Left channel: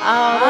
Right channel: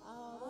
Oh.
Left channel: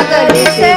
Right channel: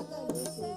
ಸಾಗರಿಸೆ